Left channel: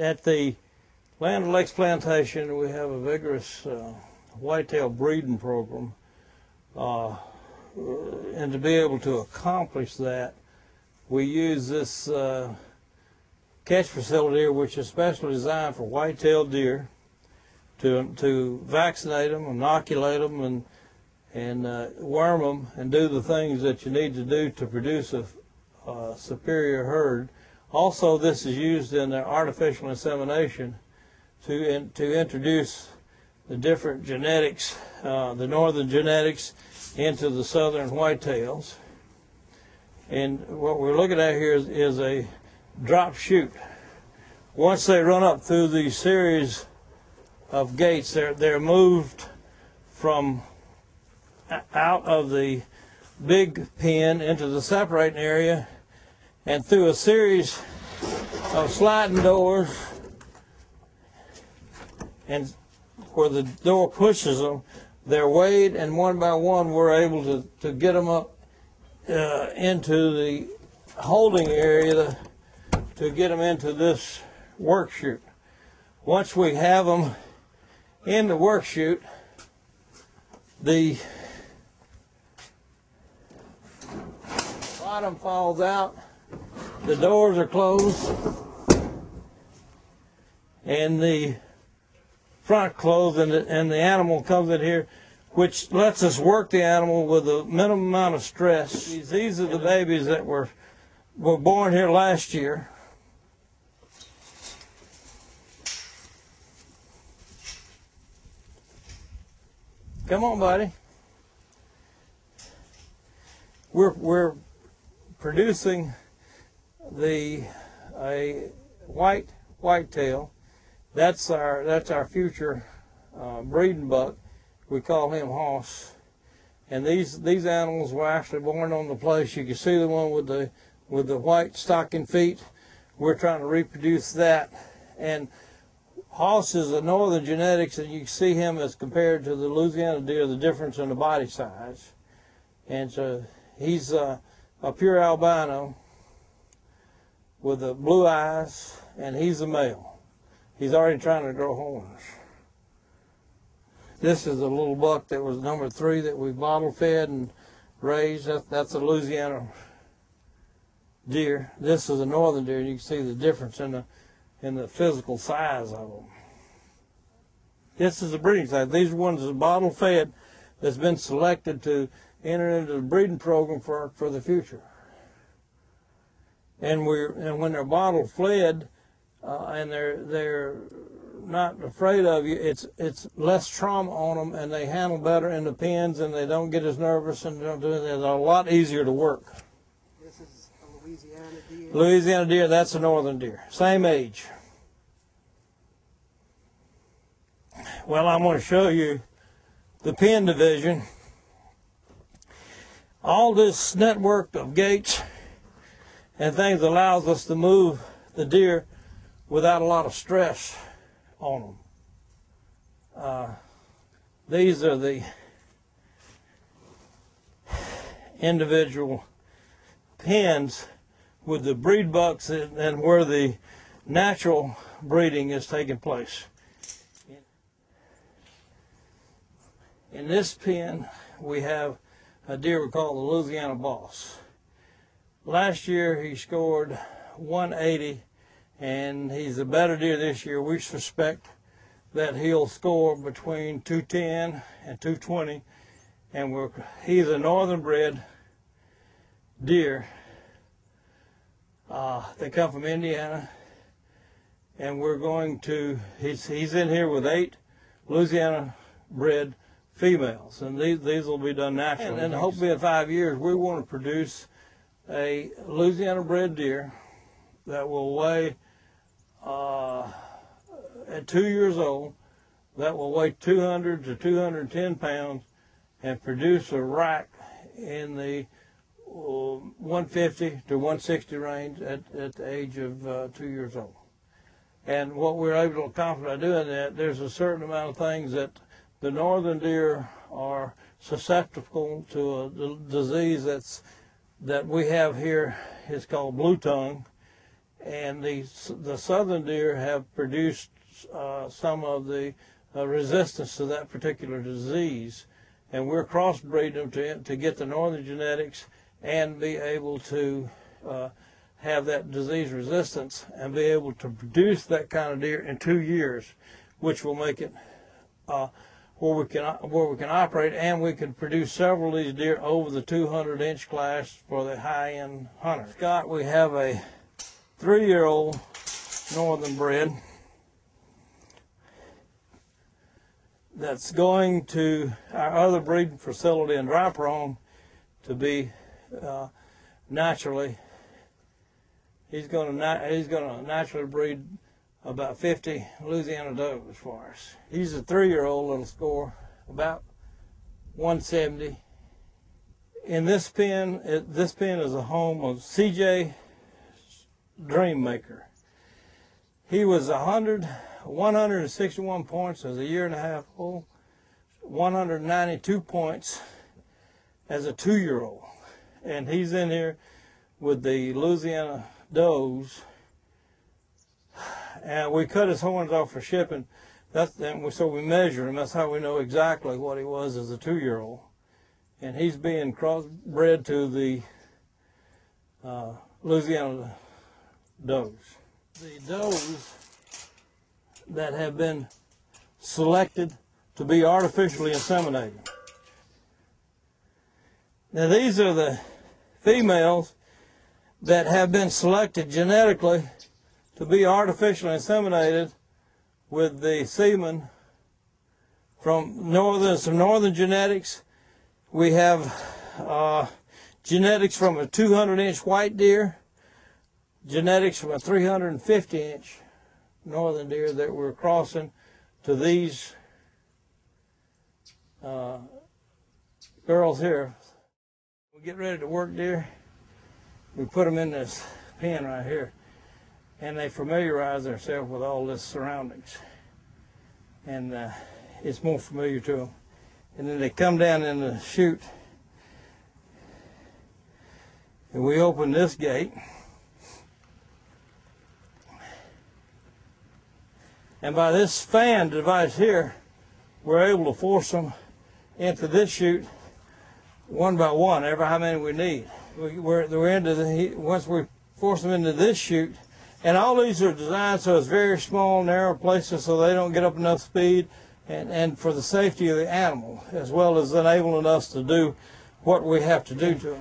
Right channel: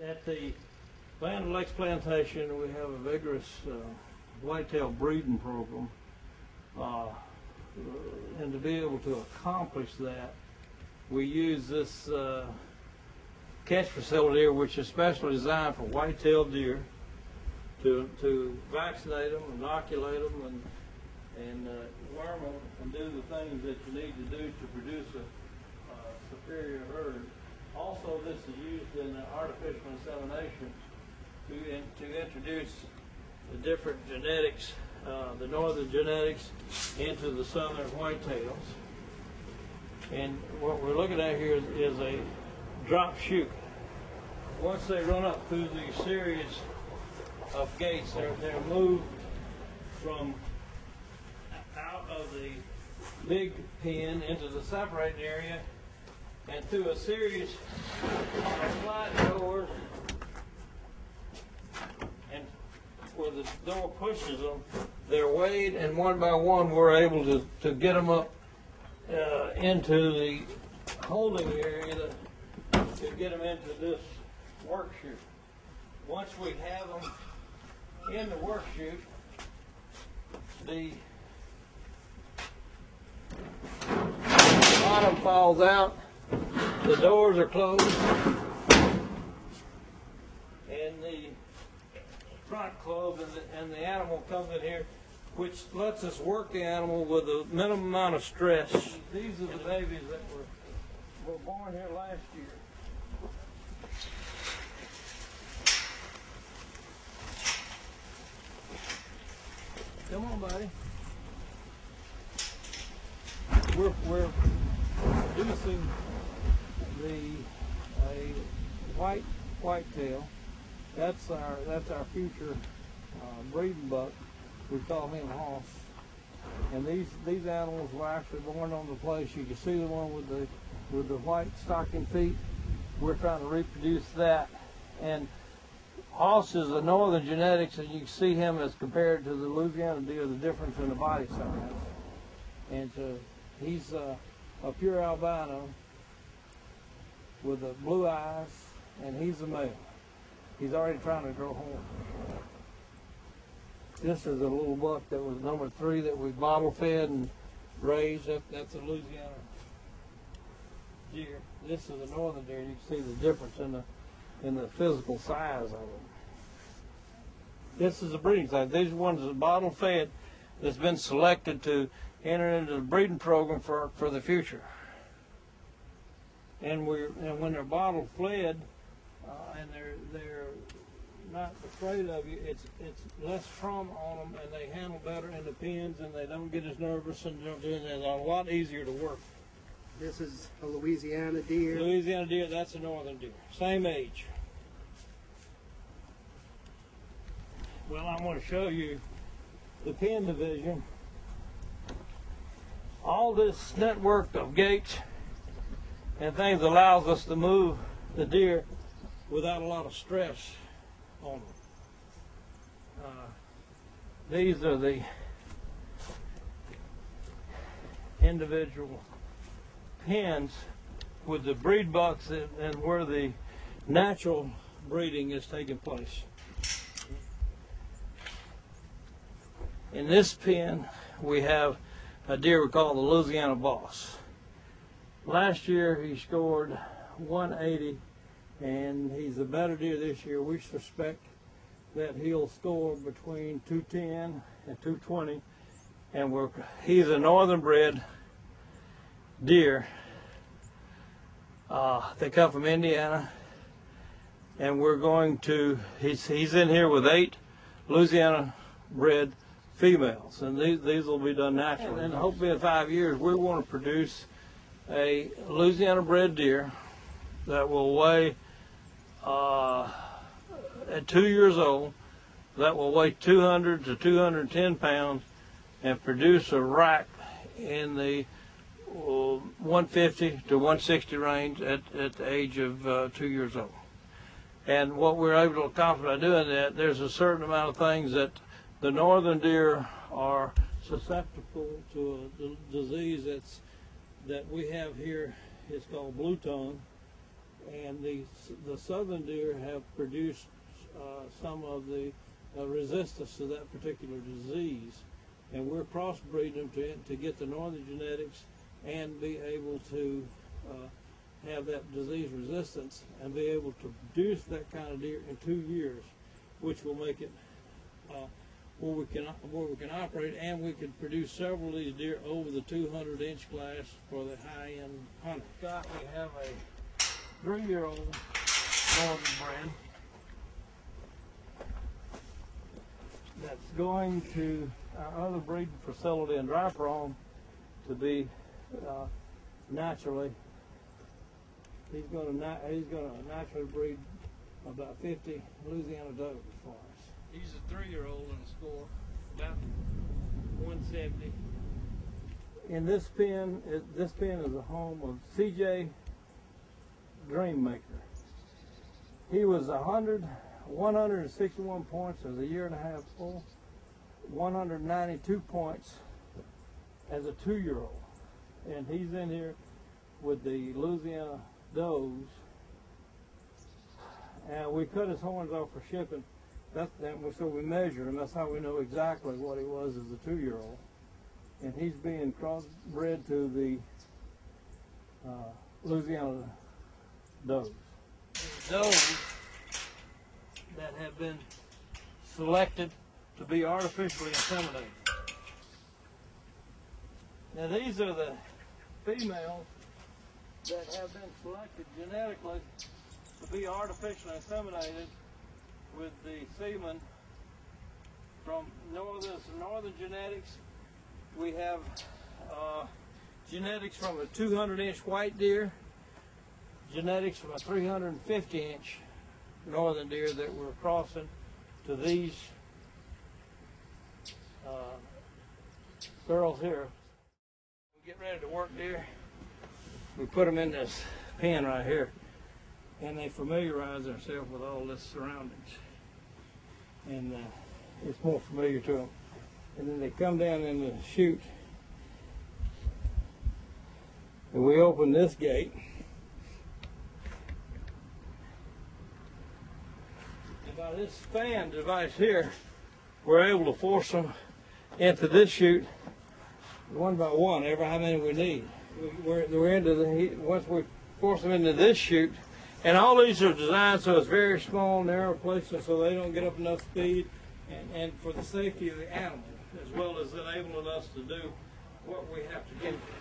At the Land Lakes Plantation, we have a vigorous whitetail breeding program, and to be able to accomplish that, we use this catch facility here, which is specially designed for white-tailed deer, to vaccinate them, inoculate them, and worm them, and do the things that you need to do to produce a superior herd. Also, this is used in the artificial insemination to introduce the different genetics, the northern genetics, into the southern whitetails. And what we're looking at here is a drop chute. Once they run up through these series of gates, they're moved from out of the big pen into the separating area, and through a series of sliding doors, and where the door pushes them, they're weighed, and one by one we're able to get them up into the holding area to get them into this work chute. Once we have them in the work chute, the bottom falls out, the doors are closed, and the front closed, and the animal comes in here, which lets us work the animal with a minimum amount of stress. These are the babies that were born here last year. Come on, buddy. We're producing a whitetail. That's our future breeding buck. We call him Hoss. And these animals were actually born on the place. You can see the one with the white stocking feet. We're trying to reproduce that. And Hoss is a northern genetics, and you can see him as compared to the Louisiana deer, the difference in the body size. And so he's a pure albino with the blue eyes, and he's a male. He's already trying to grow horns. This is a little buck that was number 3 that we bottle fed and raised. That's a Louisiana deer. This is a northern deer. You can see the difference in the physical size of them. This is a breeding size. These are ones that bottle fed that's been selected to enter into the breeding program for the future. And when they're bottle fed, and they're not afraid of you, it's less trauma on them, and they handle better in the pens, and they don't get as nervous, and don't do anything. They're a lot easier to work. This is a Louisiana deer. Louisiana deer, that's a northern deer. Same age. Well, I'm going to show you the pen division. All this network of gates and things allows us to move the deer without a lot of stress on them. These are the individual pens with the breed bucks and where the natural breeding is taking place. In this pen, we have a deer we call the Louisiana Boss. Last year, he scored 180, and he's a better deer this year. We suspect that he'll score between 210 and 220, and he's a northern bred deer. They come from Indiana, and we're going to, he's in here with 8 Louisiana bred females, and these will be done naturally. And hopefully in 5 years, we want to produce a Louisiana bred deer that will weigh, at 2 years old, that will weigh 200 to 210 pounds and produce a rack in the 150 to 160 range at the age of 2 years old. And what we're able to accomplish by doing that, there's a certain amount of things that the northern deer are susceptible to a disease that we have here. It's called blue tongue, and the southern deer have produced some of the resistance to that particular disease, and we're crossbreeding them to get the northern genetics and be able to have that disease resistance and be able to produce that kind of deer in 2 years, which will make it where we can operate, and we can produce several of these deer over the 200-inch class for the high-end hunters. Scott, we have a 3-year-old northern bred that's going to our other breeding facility in Dry Prone to be naturally. He's going to naturally breed about 50 Louisiana does for us. He's a 3-year-old and score about 170. In this pen, this pen is a home of C.J. Dreammaker. He was 161 points as a 1.5-year old, 192 points as a 2-year-old, and he's in here with the Louisiana does, and we cut his horns off for shipping. So we measure him. That's how we know exactly what he was as a 2-year-old, and he's being crossbred to the Louisiana does. The does that have been selected to be artificially inseminated. Now these are the females that have been selected genetically to be artificially inseminated with the semen from some northern genetics. We have genetics from a 200-inch white deer, genetics from a 350-inch northern deer that we're crossing to these girls here. We get ready to work deer, we put them in this pen right here, and they familiarize themselves with all this surroundings, and it's more familiar to them. And then they come down in the chute, and we open this gate, and by this fan device here, we're able to force them into this chute one by one, every how many we need. We're into the, once we force them into this chute, and all these are designed so it's very small, narrow places so they don't get up enough speed, and for the safety of the animal, as well as enabling us to do what we have to do to them.